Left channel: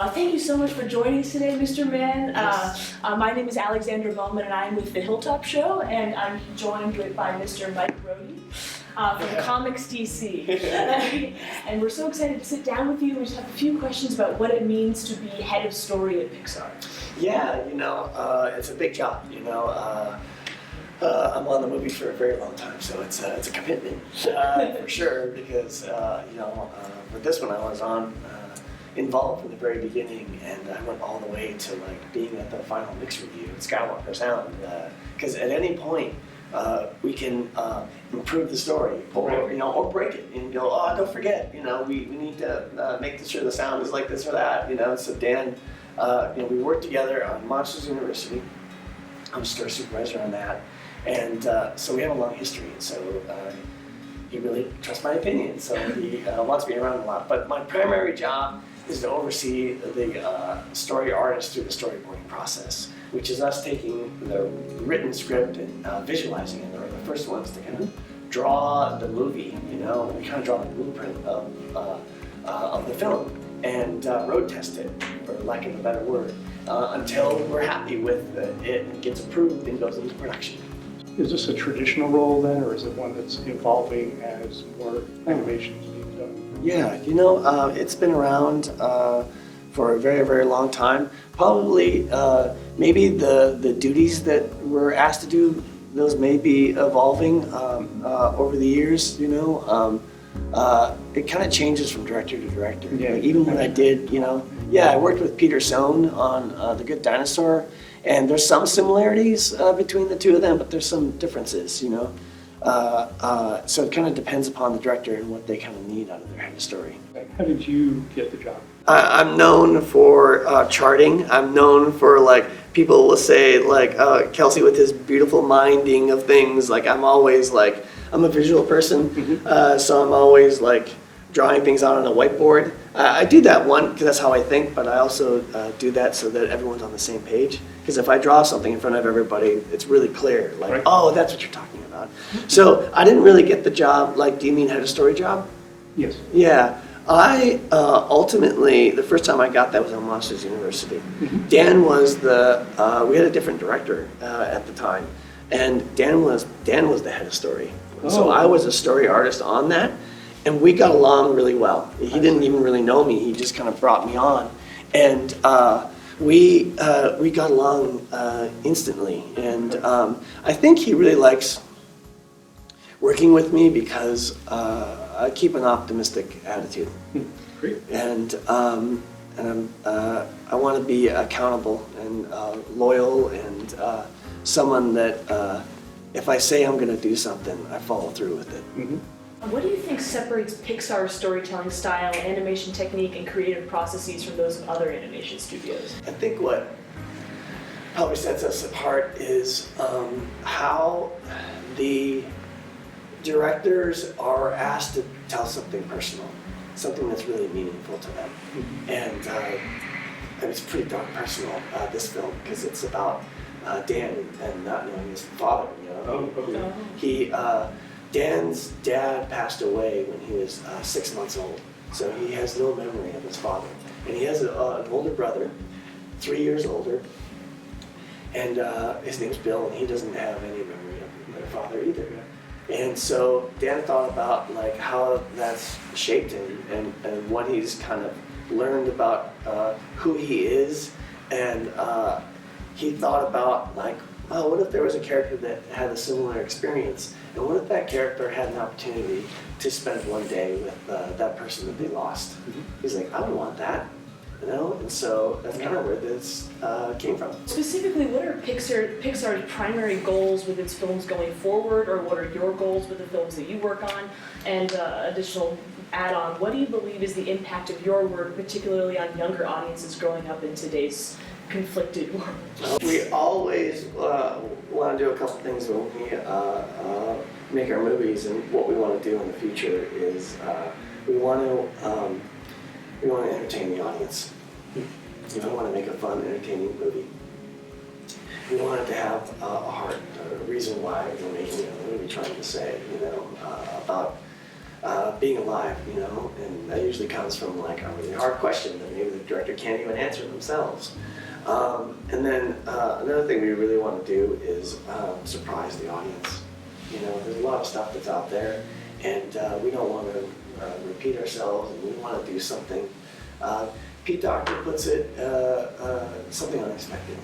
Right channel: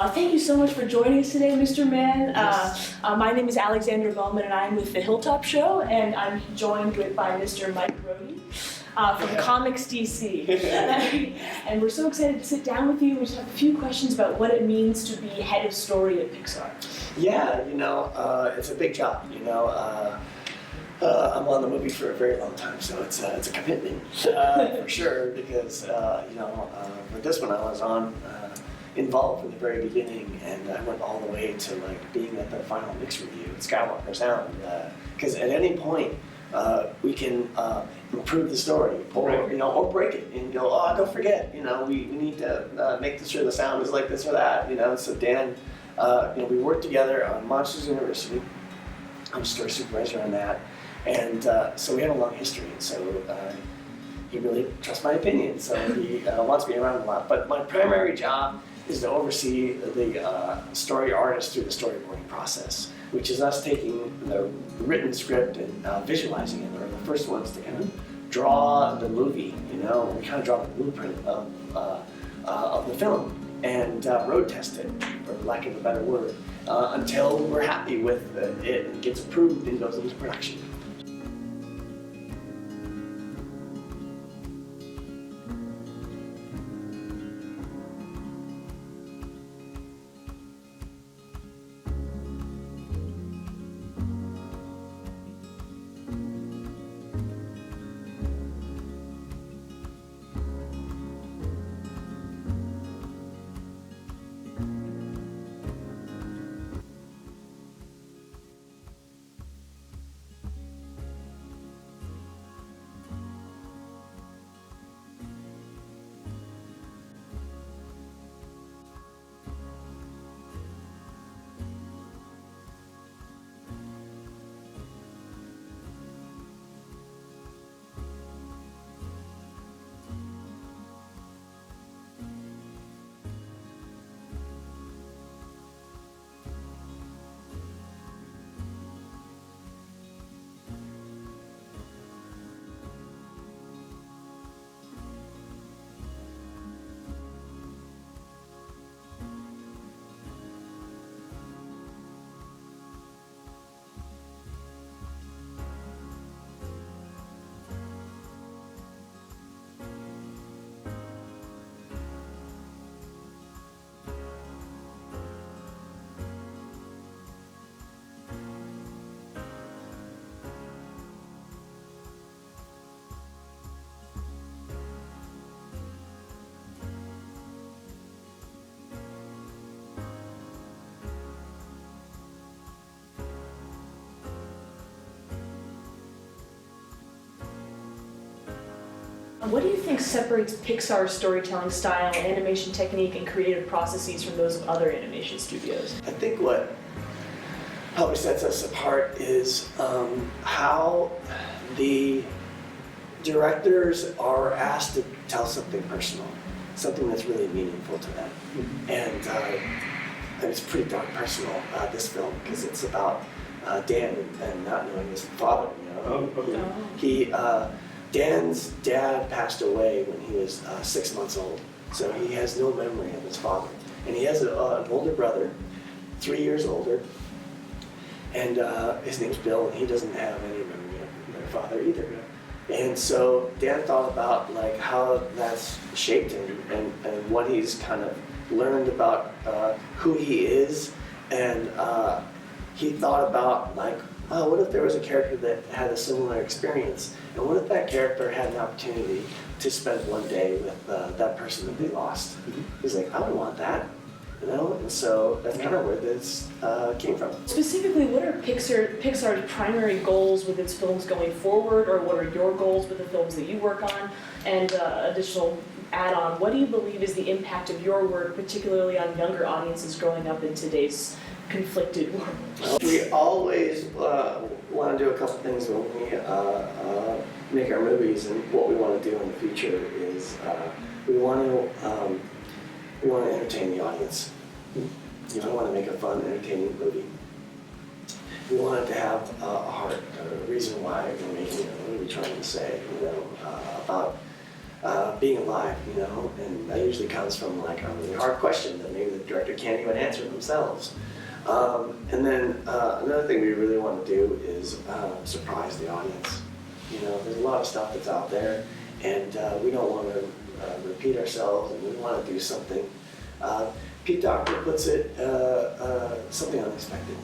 Thank you so much for joining us today, Mr. Mann. Yes. My name is Alexandra Bowman, and I'm with the Hilltop Show, and I'm joined by Mr. Mike Brody from ComicsDC. And we're so excited to sit down with you. We just have a few questions about what it means to be head of story at Pixar. Yeah, it's a big job. I'm on the movie for a very long time, so it's a commitment for sure. Because with this one, I was involved from the very beginning, and I went all the way to being at the final mix review at Skywalker Sound. Because at any point, we can improve the story, or break it, and go, oh, don't forget, we need to make sure the sound is like this or that, So Dan, we worked together on Monsters University. I'm a story supervisor on that, and so we have a long history, and so he really trusts my opinion, so he wants me around a lot. But my primary job is to oversee the story artist through the storyboarding process, which is us taking the written script and visualizing it. We're the first ones to kind of draw the movie, we kind of draw the blueprint of the film and road test it, for lack of a better word, until we're happy with it and gets approved and goes into production. Is this a traditional role then, or is it one that's evolving as more animations? Yeah, it's been around for a very, very long time. Probably, maybe the duties that we're asked to do, those may be evolving over the years. It kind of changes from director to director. Yeah. Even when I did, I worked with Peter Sohn on The Good Dinosaur, and there's some similarities between the two of them, but there's some differences, So it kind of depends upon the director and what they kind of need out of their head of story. How did you get the job? I'm known for charting. I'm known for people will say Kelsey with his beautiful minding of things. I'm always I'm a visual person, so I'm always drawing things out on a whiteboard. I do that because that's how I think, but I also do that so that everyone's on the same page. Because if I draw something in front of everybody, it's really clear. Right. Oh, that's what you're talking about. So I didn't really get the job. Do you mean head of story job? Yes. Yeah. I ultimately, the first time I got that was on Monsters University. Dan was we had a different director at the time, and Dan was the head of story. Oh. So I was a story artist on that, and we got along really well. He didn't even really know me. He just kind of brought me on, and we got along instantly. And I think he really likes working with me because I keep an optimistic attitude. Great. And I want to be accountable and loyal and someone that if I say I'm going to do something, I follow through with it. What do you think separates Pixar's storytelling style, animation technique, and creative processes from those of other animation studios? I think what probably sets us apart is how the directors are asked to tell something personal, something that's really meaningful to them. And it's pretty dark personal, this film, because it's about Dan and not knowing his father. Dan's dad passed away when he was 6 months old, so he has no memory of his father. And he has an older brother, 3 years older, and his name's Bill, and he doesn't have any memory of their father either. And so Dan thought about how that's shaped him and what he's kind of learned about who he is, and he thought about what if there was a character that had a similar experience, and what if that character had an opportunity to spend one day with that person that they lost? He's like, I would want that. And so that's kind of where this came from. Specifically, what are Pixar's primary goals with its films going forward, or what are your goals with the films that you work on? And additional add-on, what do you believe is the impact of your work, particularly on younger audiences growing up in today's conflicted world? We always want to do a couple things when we make our movies, and what we want to do in the future is we want to entertain the audience. We want to make a fun, entertaining movie. We want it to have a heart, a reason why we're making it. What are we trying to say? About being alive, you know, and that usually comes from like a really hard question that maybe the director can't even answer themselves. And then another thing we really want to do is surprise the audience. You know, there's a lot of stuff that's out there, and we don't want to repeat ourselves, and we want to do something. Pete Docter puts it, something unexpected.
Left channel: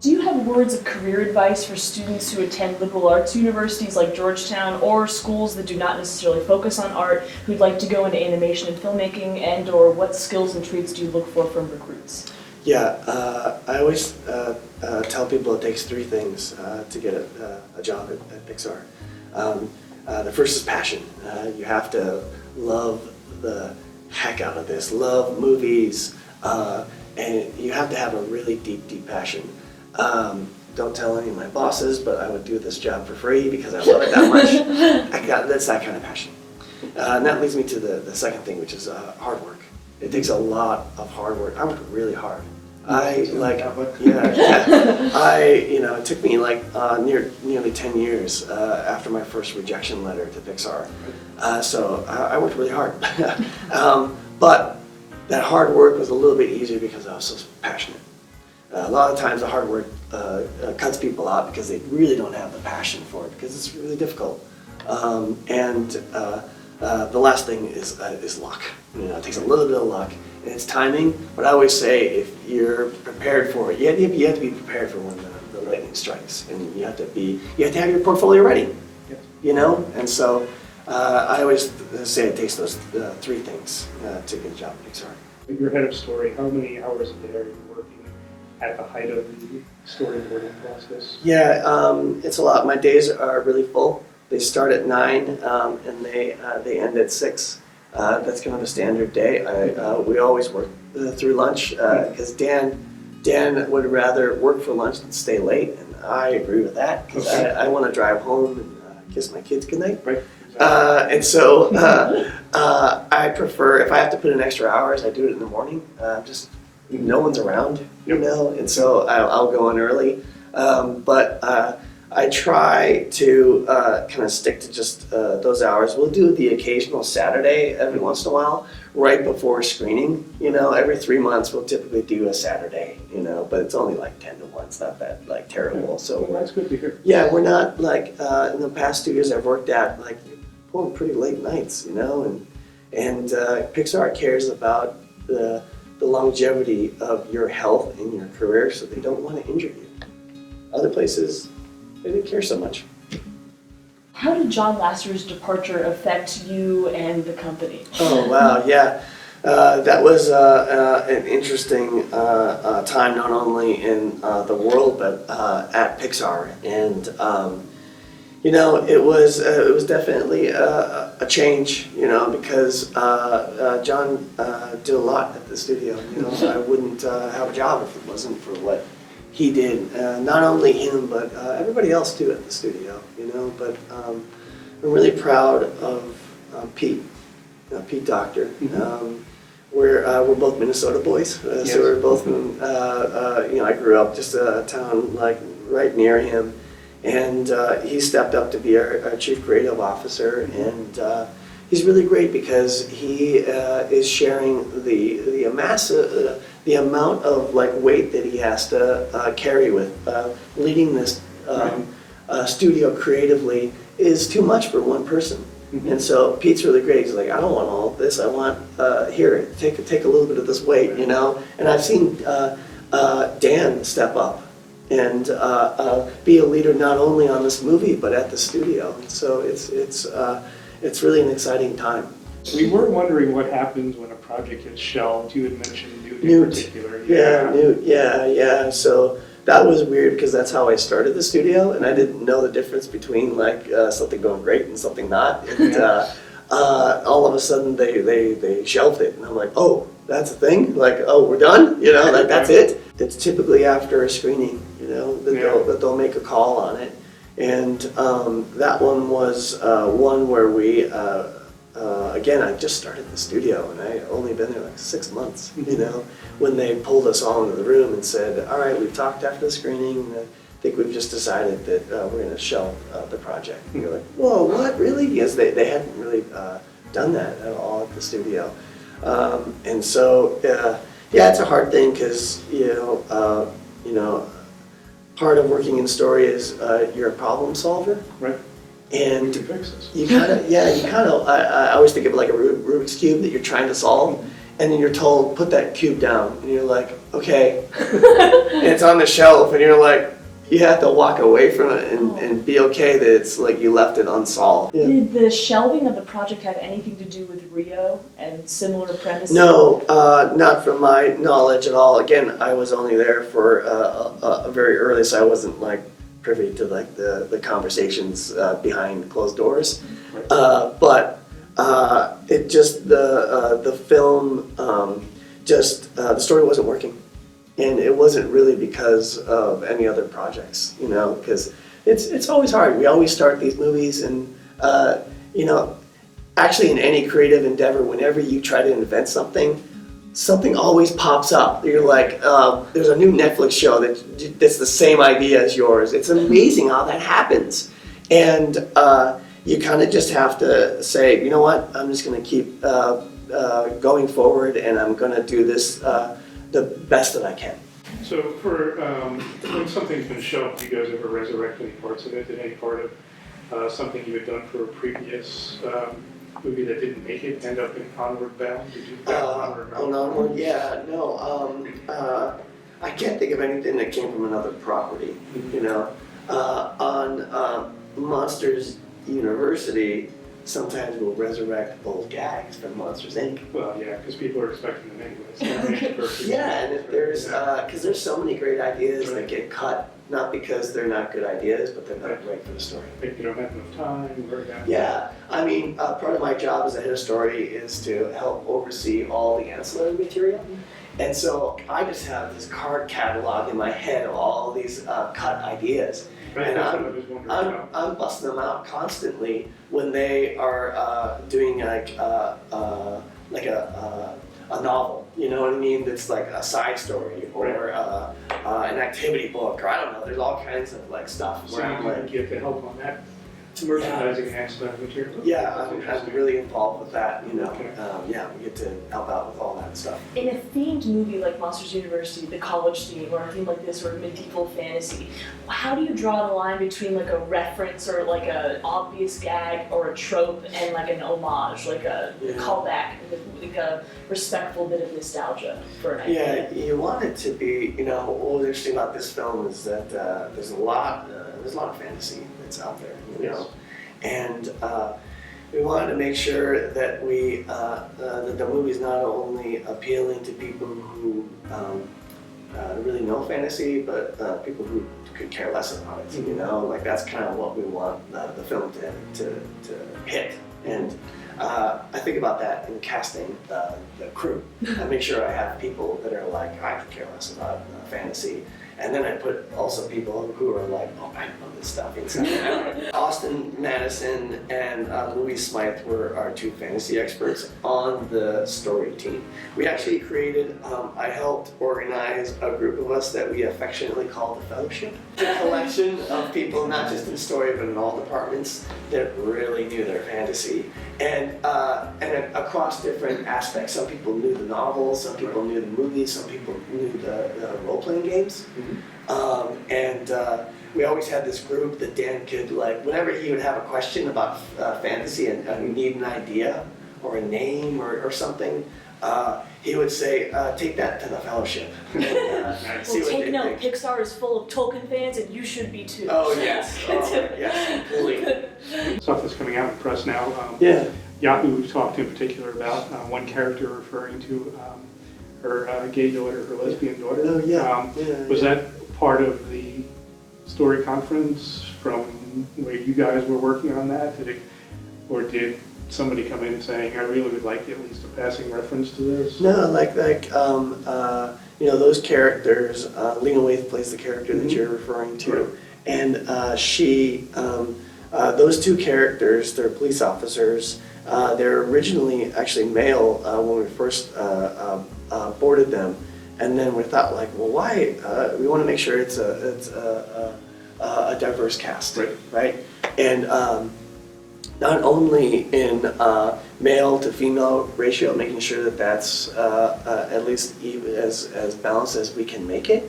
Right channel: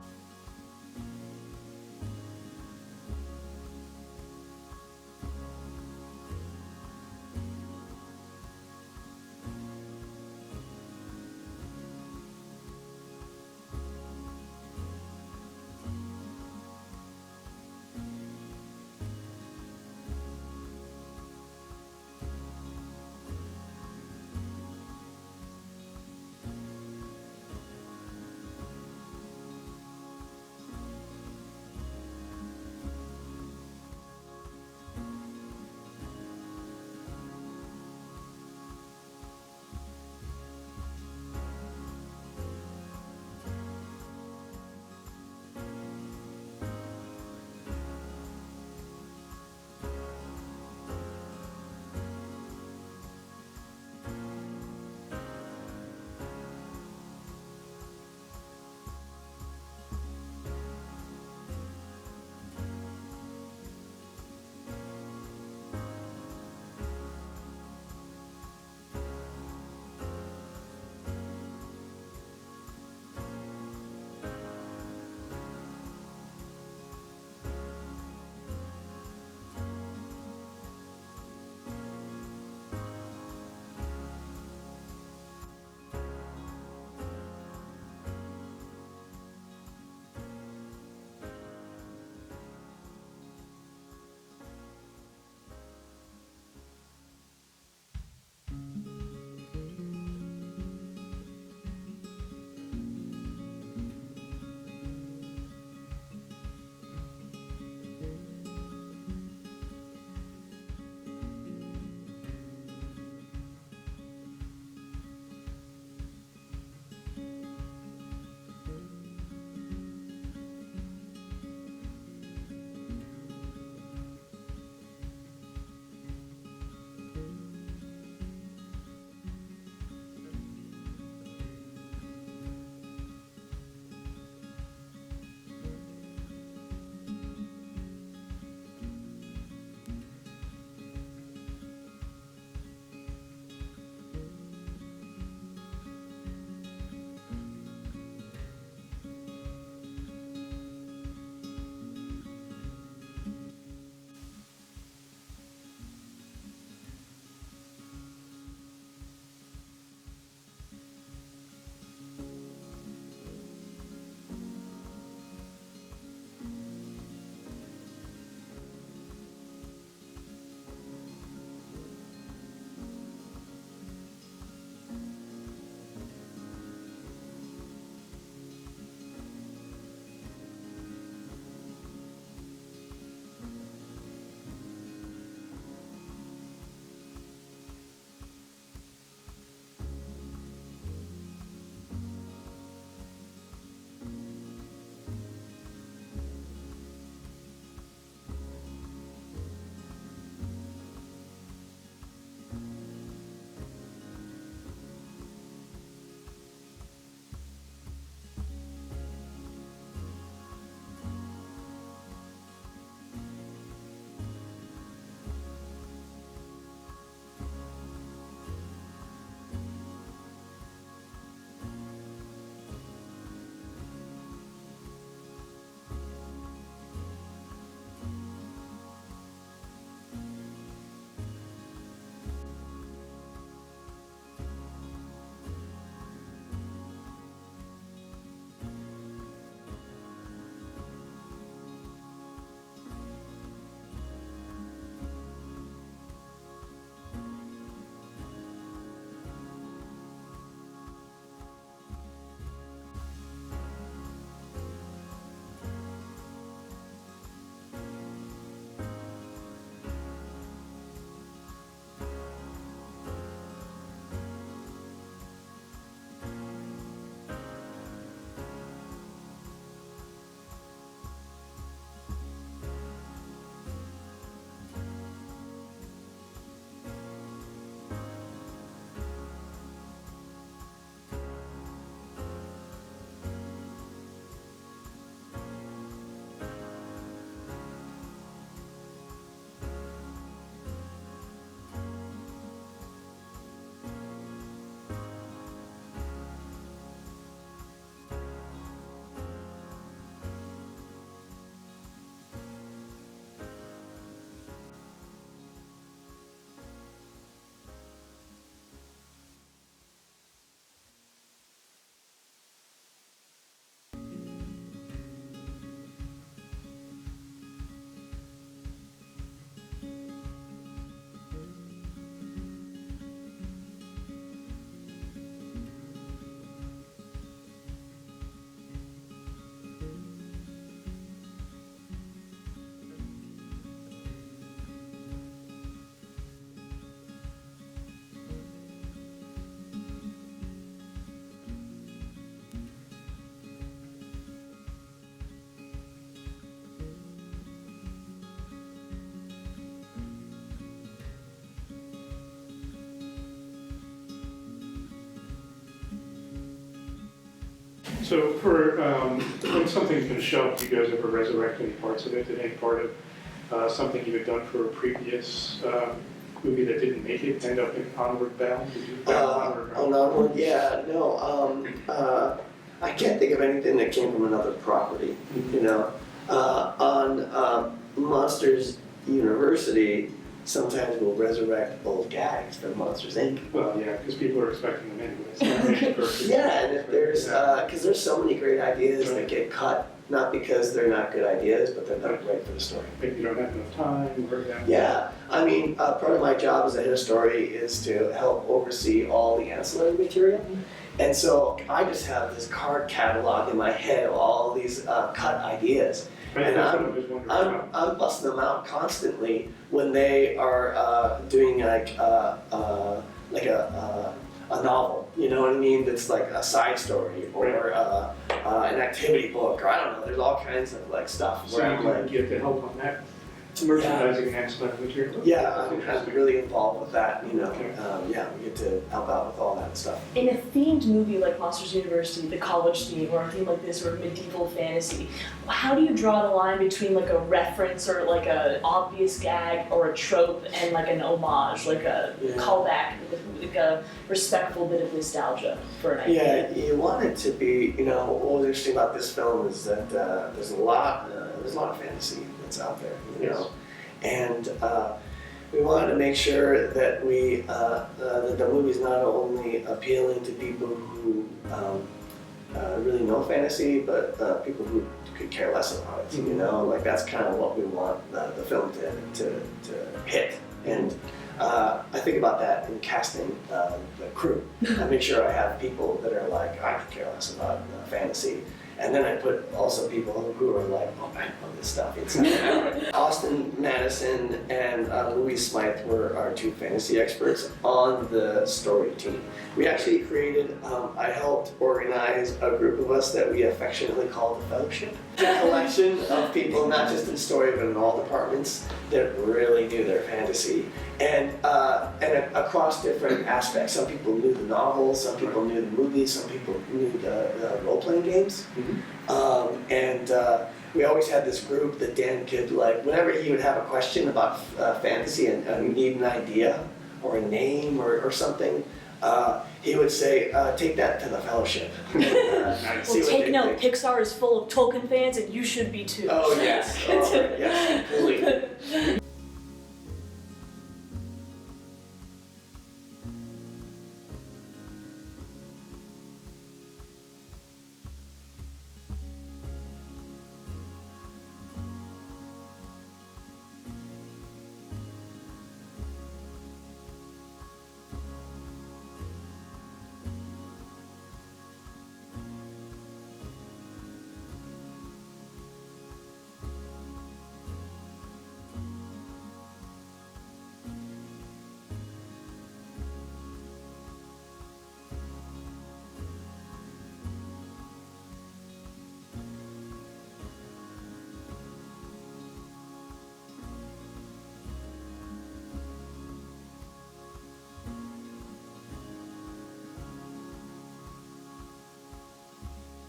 Do you have words of career advice for students who attend liberal arts universities like Georgetown or schools that do not necessarily focus on art who'd like to go into animation and filmmaking, and or what skills and traits do you look for from recruits? Yeah, I always tell people it takes three things to get a job at Pixar. The first is passion. You have to love the heck out of this, love movies, and you have to have a really deep, deep passion. Don't tell any of my bosses, but I would do this job for free because I love it that much. That's that kind of passion. And that leads me to the second thing, which is hard work. It takes a lot of hard work. I work really hard. It took me like nearly 10 years after my first rejection letter to Pixar. So I worked really hard. But that hard work was a little bit easier because I was so passionate. A lot of times the hard work cuts people out because they really don't have the passion for it, because it's really difficult. The last thing is luck. You know, it takes a little bit of luck, and it's timing. But I always say, if you're prepared for it, you have to be prepared for when the lightning strikes, and you have to have your portfolio ready. You know, and so I always say it takes those three things to get a job at Pixar. You're head of story. How many hours a day are you working at the height of the storyboarding process? Yeah, it's a lot. My days are really full. They start at 9 and they end at 6. That's kind of a standard day. We always work through lunch because Dan would rather work for lunch than stay late, and I agree with that because I want to drive home and kiss my kids goodnight. Right. And so I prefer, if I have to put in extra hours, I do it in the morning. Just no one's around, you know, and so I'll go in early. But I try to kind of stick to just those hours. We'll do the occasional Saturday every once in a while, right before screening. You know, every 3 months we'll typically do a Saturday, you know, but it's only like 10 to 1. It's not that like terrible. So well, that's good to hear. yeah, we're not like in the past 2 years I've worked at like pulling pretty late nights, you know, and Pixar cares about the longevity of your health in your career, so they don't want to injure you. Other places, they didn't care so much. How did John Lasseter's departure affect you and the company? Oh wow, yeah. That was an interesting time, not only in the world, but at Pixar. And you know, it was definitely a change, you know, because John did a lot at the studio. You know, I wouldn't have a job if it wasn't for what he did. Not only him, but everybody else too at the studio. You know, but I'm really proud of Pete Docter. We're both Minnesota boys, Yes. so we're both. You know, I grew up just a town like right near him. And he stepped up to be our chief creative officer, and he's really great because he is sharing the amount of like weight that he has to carry with leading this studio creatively is too much for one person. Mm-hmm. And so Pete's really great. He's like, I don't want all of this. I want here, take a little bit of this weight, you know. And I've seen Dan step up and be a leader not only on this movie but at the studio. So it's really an exciting time. We were wondering what happens when a project gets shelved. You had mentioned Newt in particular. Yeah, Newt. Yeah. So that was weird because that's how I started the studio, and I didn't know the difference between like something going great and something not. And all of a sudden they shelved it, and I'm like, oh, that's a thing. Like, oh, we're done. You know, like that's it. It's typically after a screening, you know, that they'll make a call on it. And that one was one where we, again, I just started the studio and I only been there like 6 months, you know, when they pulled us all into the room and said, all right, we've talked after the screening, and I think we've just decided that we're going to shelve the project. And you're like, whoa, what, really? Because they hadn't really done that at all at the studio. And so, yeah, it's a hard thing because, part of working in story is you're a problem solver. Right. And you kind of, I always think of it like a Rubik's Cube that you're trying to solve, and then you're told, put that cube down, and you're like, okay. And it's on the shelf, and you're like, you have to walk away from it and be okay that it's like you left it unsolved. Yeah. Did the shelving of the project have anything to do with Rio and similar premises? No, not from my knowledge at all. Again, I was only there for a very early, so I wasn't like privy to like the conversations behind closed doors. But it just the film the story wasn't working. And it wasn't really because of any other projects, because it's always hard. We always start these movies and, actually in any creative endeavor, whenever you try to invent something always pops up. You're like, there's a new Netflix show that's the same idea as yours. It's amazing how that happens. And you kind of just have to say, you know what, I'm just going to keep going forward, and I'm going to do this the best that I can. So for when something's been shelved, do you guys ever resurrect any parts of it? Did any part of something you had done for a previous movie that didn't make it end up in Onward bound? Did you Onward? On Onward, yeah, no. I can't think of anything that came from another property. On Monsters University, sometimes we'll resurrect old gags from Monsters Inc. Well, yeah, because people are expecting them anyways. Yeah, and if there's, because there's so many great ideas that get cut, not because they're not good ideas, but they're not right for the story. Maybe you don't have enough time, or that. Yeah, I mean, part of my job as a head of story is to help oversee all the ancillary material. And so I just have this card catalog in my head of all these cut ideas. And I'm busting them out constantly when they are doing like a novel, you know what I mean? That's like a side story or an activity book, or I don't know. There's all kinds of like stuff. So you get the help on that merchandising and ancillary material. Yeah, I'm really involved with that. We get to help out with all that stuff. In a themed movie like Monsters University, the college theme, or a theme like this, or medieval fantasy, how do you draw the line between like a reference or like an obvious gag or a trope and like an homage, like a callback, like a respectful bit of nostalgia for an idea? Yeah, you want it to be. What was interesting about this film is that there's a lot of fantasy that's out there. And we wanted to make sure that that the movie's not only appealing to people who really know fantasy, but people who could care less about it. Like that's kind of what we want the film to hit. And I think about that in casting the crew. I make sure I have people that are like, I could care less about fantasy. And then I put also people who are like, oh, I know this stuff inside and out. Austin Madison and Louise Smythe were our two fantasy experts on the story team. We actually created, I helped organize a group of us that we affectionately call the Fellowship. A collection of people, not just in story, but in all departments, that really knew their fantasy. And across different aspects. Some people knew the novels, some people knew the movies, some people knew the role-playing games. We always had this group that Dan could, like, whenever he would have a question about fantasy and you need an idea or a name or something, he would say, take that to the Fellowship. Well, take note, Pixar is full of Tolkien fans and you should be too. Oh, yes. Yes, completely. Stuff that's coming out in the press now. Yahoo we've talked in particular about one character referring to her gay daughter, her lesbian daughter. Oh, yeah. Was that part of the story conference from where you guys were working on that? Did somebody come in saying, I really would like at least a passing reference to this? No, those characters, Lena Waithe plays the character that you're referring to, and those two characters, they're police officers. They're originally actually male when we first boarded them, and then we thought, like, well, why? We want to make sure it's a diverse cast, right? And not only in male to female ratio, making sure that that's at least even as balanced as we can make it,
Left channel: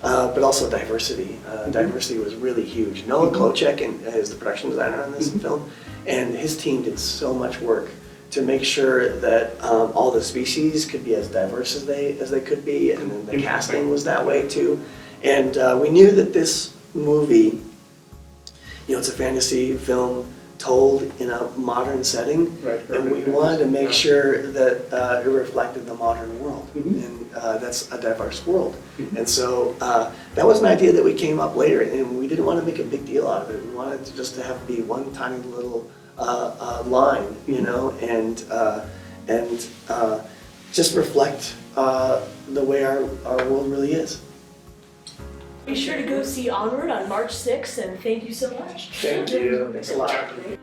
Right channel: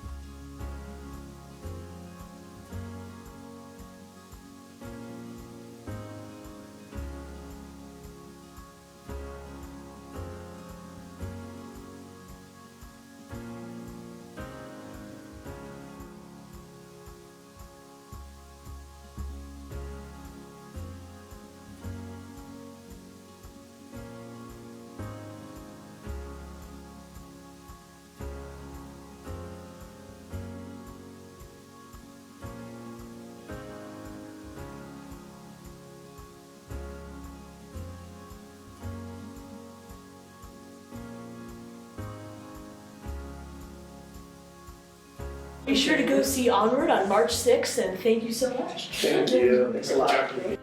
but also diversity. Diversity was really huge. Noah Klocek is the production designer on this film, and his team did so much work to make sure that all the species could be as diverse as they could be, and then the casting was that way too. And we knew that this movie, it's a fantasy film told in a modern setting, Right. and we wanted to make sure that it reflected the modern world, and that's a diverse world. And so that was an idea that we came up later, and we didn't want to make a big deal out of it. We wanted to just to have it be one tiny little line, and just reflect the way our world really is. Be sure to go see Onward on March 6th, and thank you so much. Thank you. Thanks a lot. Chapter